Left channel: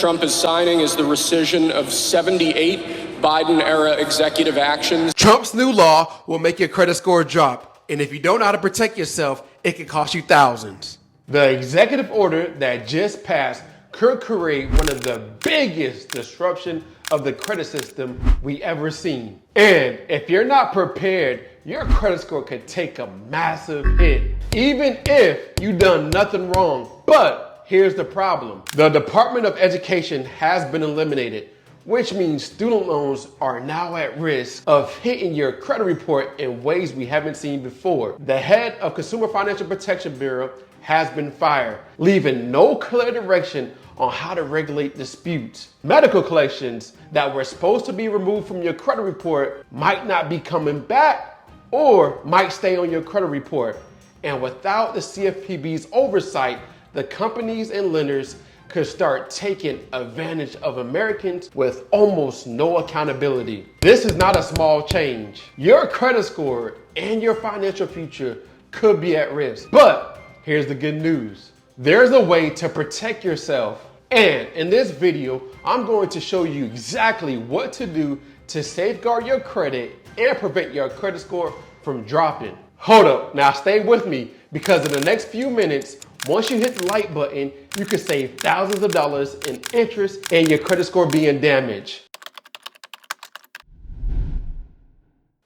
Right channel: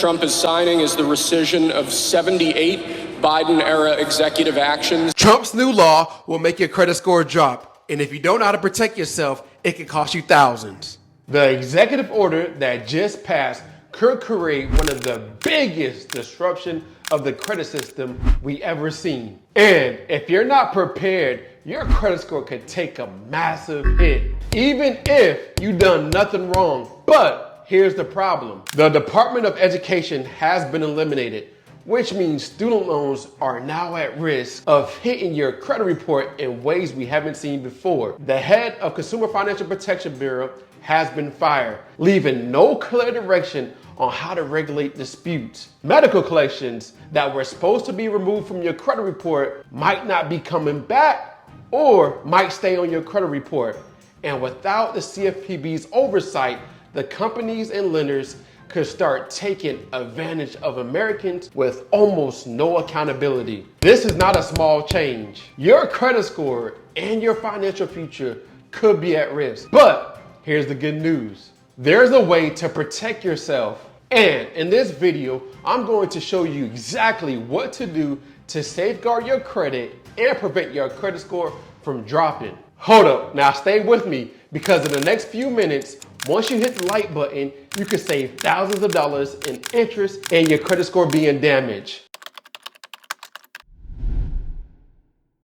Trump is signing is the rescission of 78 Biden-era executive actions. Trump's new law will make your credit score drop, and if you don't know how to protect yourself, it can cost you thousands. The executive order that just passed could create one of the biggest disruption of the credit system we ever seen. And if you're not prepared, your credit score could take a massive hit, even if you done nothing wrong. But here's the problem. The Department of Education has been eliminated, which means student loans are now at risk of hitting your credit report in ways we haven't seen before. The head of Consumer Financial Protection Bureau has been fired, leaving no clear direction on how to regulate disputes. Medical collections that were supposed to be removed from your credit report might not be coming back or might stay on your credit report. And without the CFPB's oversight, the companies and lenders could start taking advantage of Americans with almost no accountability. This is not a small change. Your credit score and your financial future could be at risk. But here's the good news. There's a way to protect yourself. And in this video, I'm going to show you exactly what to do to safeguard your credit and prevent your credit score from dropping. Hold up, now stay with me, because in the next few minutes, once you hit the like button, you can save thousands of dollars in interest and your credit score being damaged.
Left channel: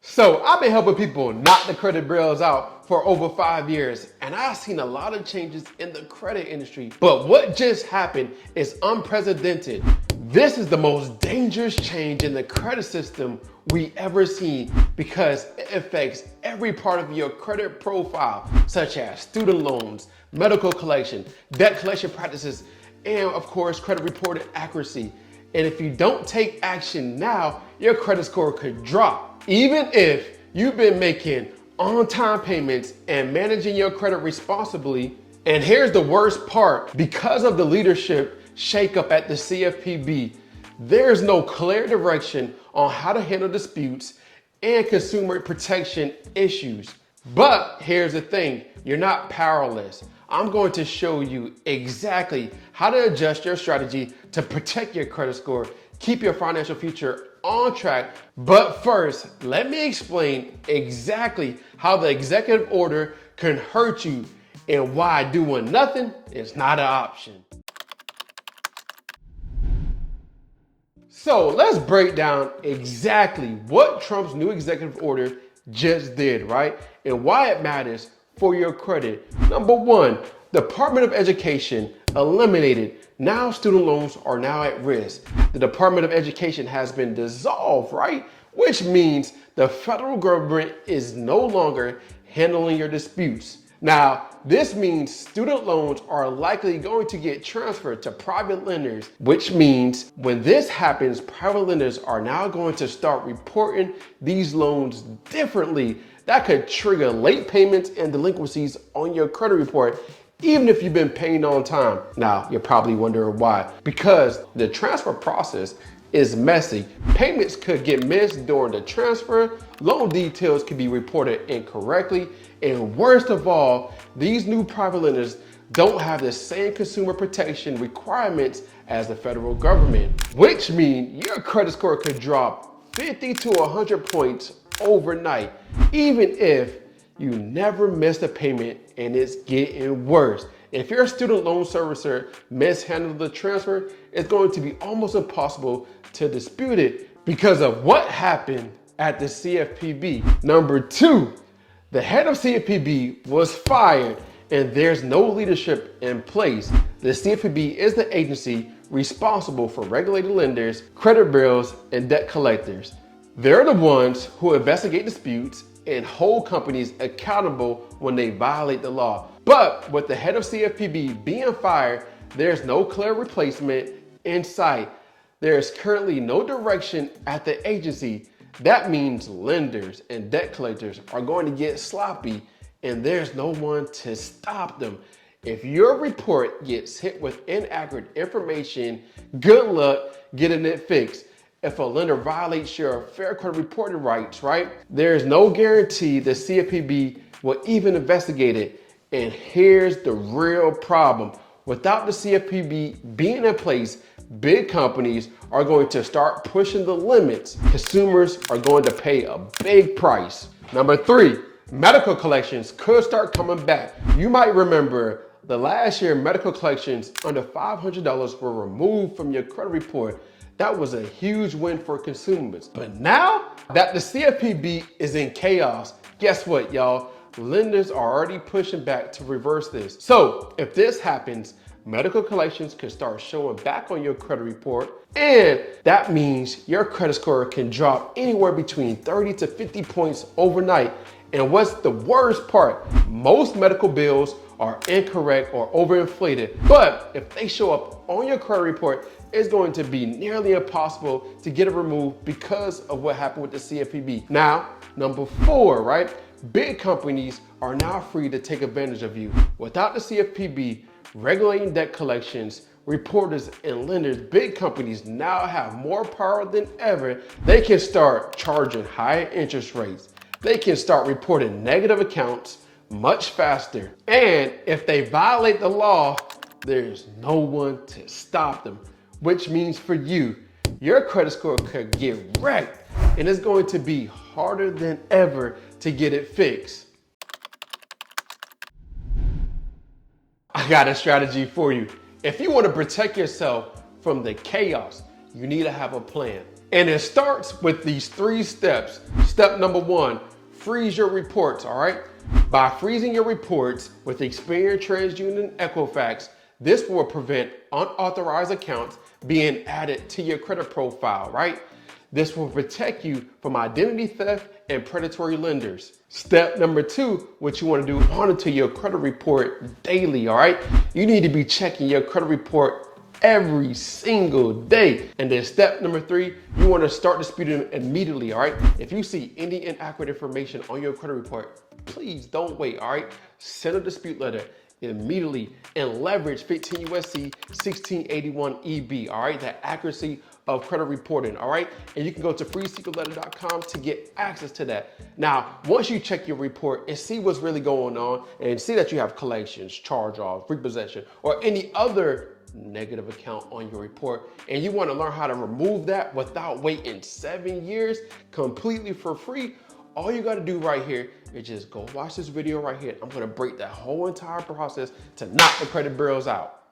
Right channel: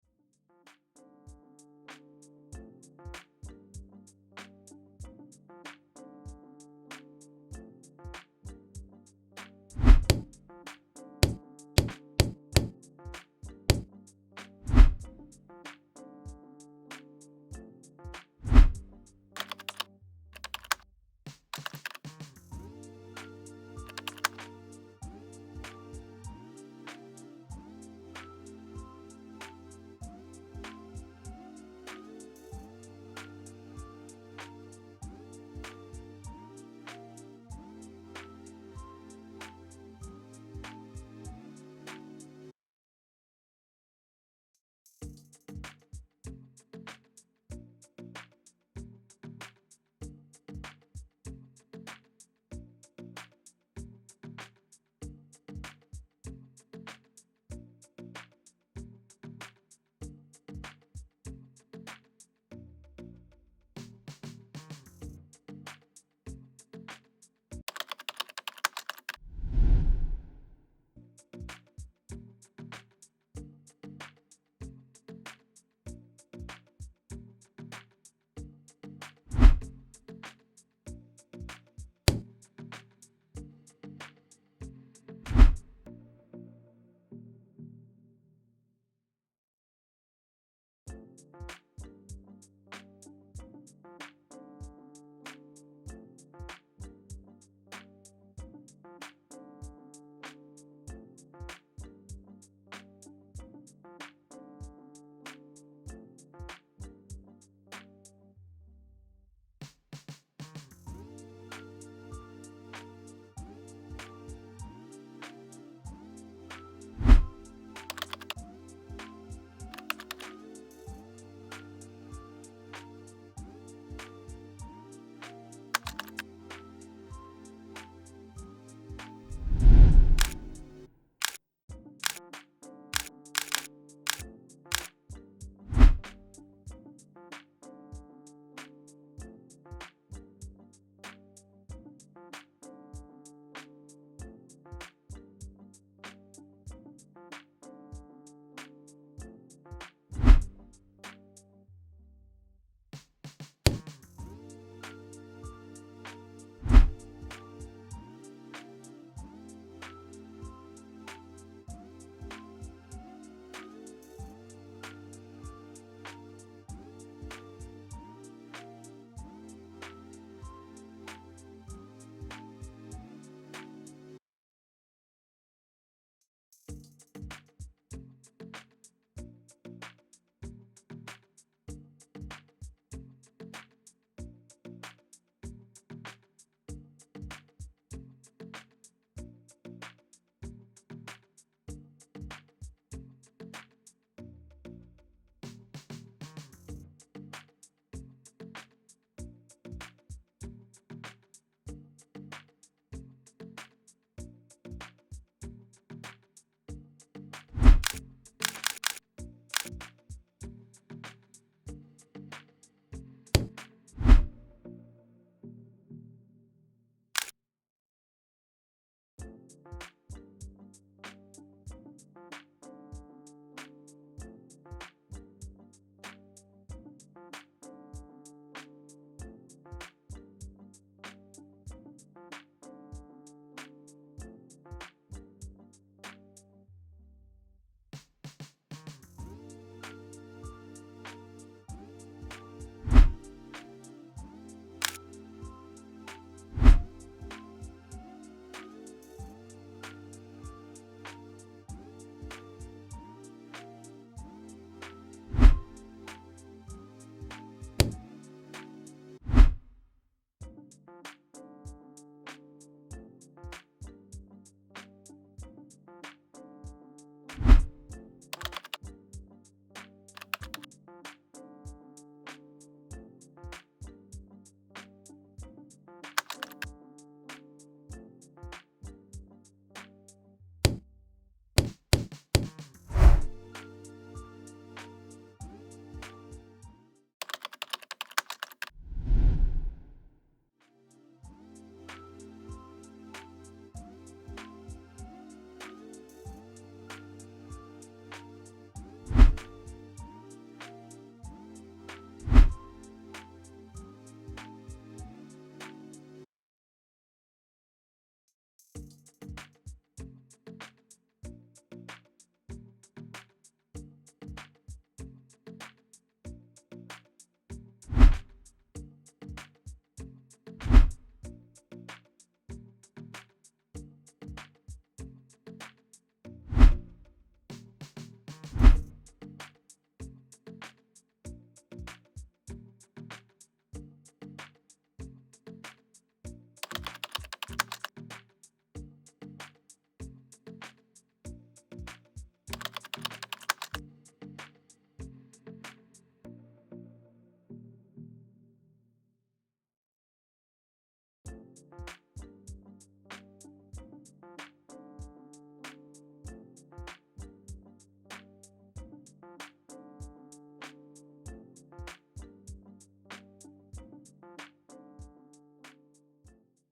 So I've been helping people knock the credit bills out for over 5 years, and I've seen a lot of changes in the credit industry. But what just happened is unprecedented. This is the most dangerous change in the credit system we ever seen, because it affects every part of your credit profile, such as student loans, medical collection, debt collection practices, and of course, credit reporting accuracy. And if you don't take action now, your credit score could drop. Even if you've been making on-time payments and managing your credit responsibly. And here's the worst part. Because of the leadership shakeup at the CFPB, there's no clear direction on how to handle disputes and consumer protection issues. But here's the thing, you're not powerless. I'm going to show you exactly how to adjust your strategy to protect your credit score, keep your financial future on track. But first, let me explain exactly how the executive order can hurt you and why doing nothing is not an option. So let's break down exactly what Trump's new executive order just did, right? And why it matters for your credit. Number one, Department of Education eliminated. Now student loans are now at risk. The Department of Education has been dissolved, right? Which means the federal government is no longer handling your disputes. Now, this means student loans are likely going to get transferred to private lenders, which means when this happens, private lenders are now going to start reporting these loans differently. That could trigger late payments and delinquencies on your credit report, even if you've been paying on time. Now, you're probably wondering why. Because the transfer process is messy. Payments could get missed during the transfer, loan details could be reported incorrectly, and worst of all, these new private lenders don't have the same consumer protection requirements as the federal government, which means your credit score could drop 50 to 100 points overnight, even if you never missed a payment. And it's getting worse. If your student loan servicer mishandled the transfer, it's going to be almost impossible to dispute it because of what happened at the CFPB. Number two, the head of CFPB was fired and there's no leadership in place. The CFPB is the agency responsible for regulating lenders, credit bureaus, and debt collectors. They're the ones who investigate disputes and hold companies accountable when they violate the law. But with the head of CFPB being fired, there's no clear replacement in sight. There is currently no direction at the agency. That means lenders and debt collectors are going to get sloppy, and there's no one to stop them. If your report gets hit with inaccurate information, good luck getting it fixed. If a lender violates your fair credit reporting rights, right, there's no guarantee the CFPB will even investigate it. And here's the real problem. Without the CFPB being in place, big companies are going to start pushing the limits. Consumers are going to pay a big price. Number 3, medical collections could start coming back. You might remember the last year medical collections under $500 were removed from your credit report. That was a huge win for consumers. But now that the CFPB is in chaos, guess what, y'all? Lenders are already pushing back to reverse this. So if this happens, medical collections could start showing back on your credit report, and that means your credit score can drop anywhere between 30 to 50 points overnight. And what's the worst part? Most medical bills are incorrect or overinflated, but if they show up on your credit report, it's going to be nearly impossible to get it removed because of what happened with the CFPB. Now, number 4, right? Big companies are now free to take advantage of you. Without the CFPB regulating debt collections, reporters and lenders, big companies now have more power than ever. They can start charging higher interest rates. They can start reporting negative accounts much faster. And if they violate the law, there's no one to stop them, which means for you, your credit score could get wrecked, and it's going to be harder than ever to get it fixed. I got a strategy for you. If you want to protect yourself from the chaos, you need to have a plan. And it starts with these 3 steps. Step number 1, freeze your reports, all right? By freezing your reports with Experian, TransUnion, and Equifax, this will prevent unauthorized accounts being added to your credit profile, right? This will protect you from identity theft and predatory lenders. Step number 2, what you want to do, monitor your credit report daily, all right? You need to be checking your credit report every single day. And then step number 3, you want to start disputing immediately, all right? If you see any inaccurate information on your credit report, please don't wait, all right? Send a dispute letter immediately and leverage 15 USC 1681 EB, all right? That accuracy of credit reporting, all right? And you can go to freesecretletter.com to get access to that. Now, once you check your report and see what's really going on and see that you have collections, charge-offs, repossession, or any other negative account on your report, and you want to learn how to remove that without waiting 7 years completely for free, all you got to do right here is just go watch this video right here. I'm going to break that whole entire process to knock the credit bureaus out.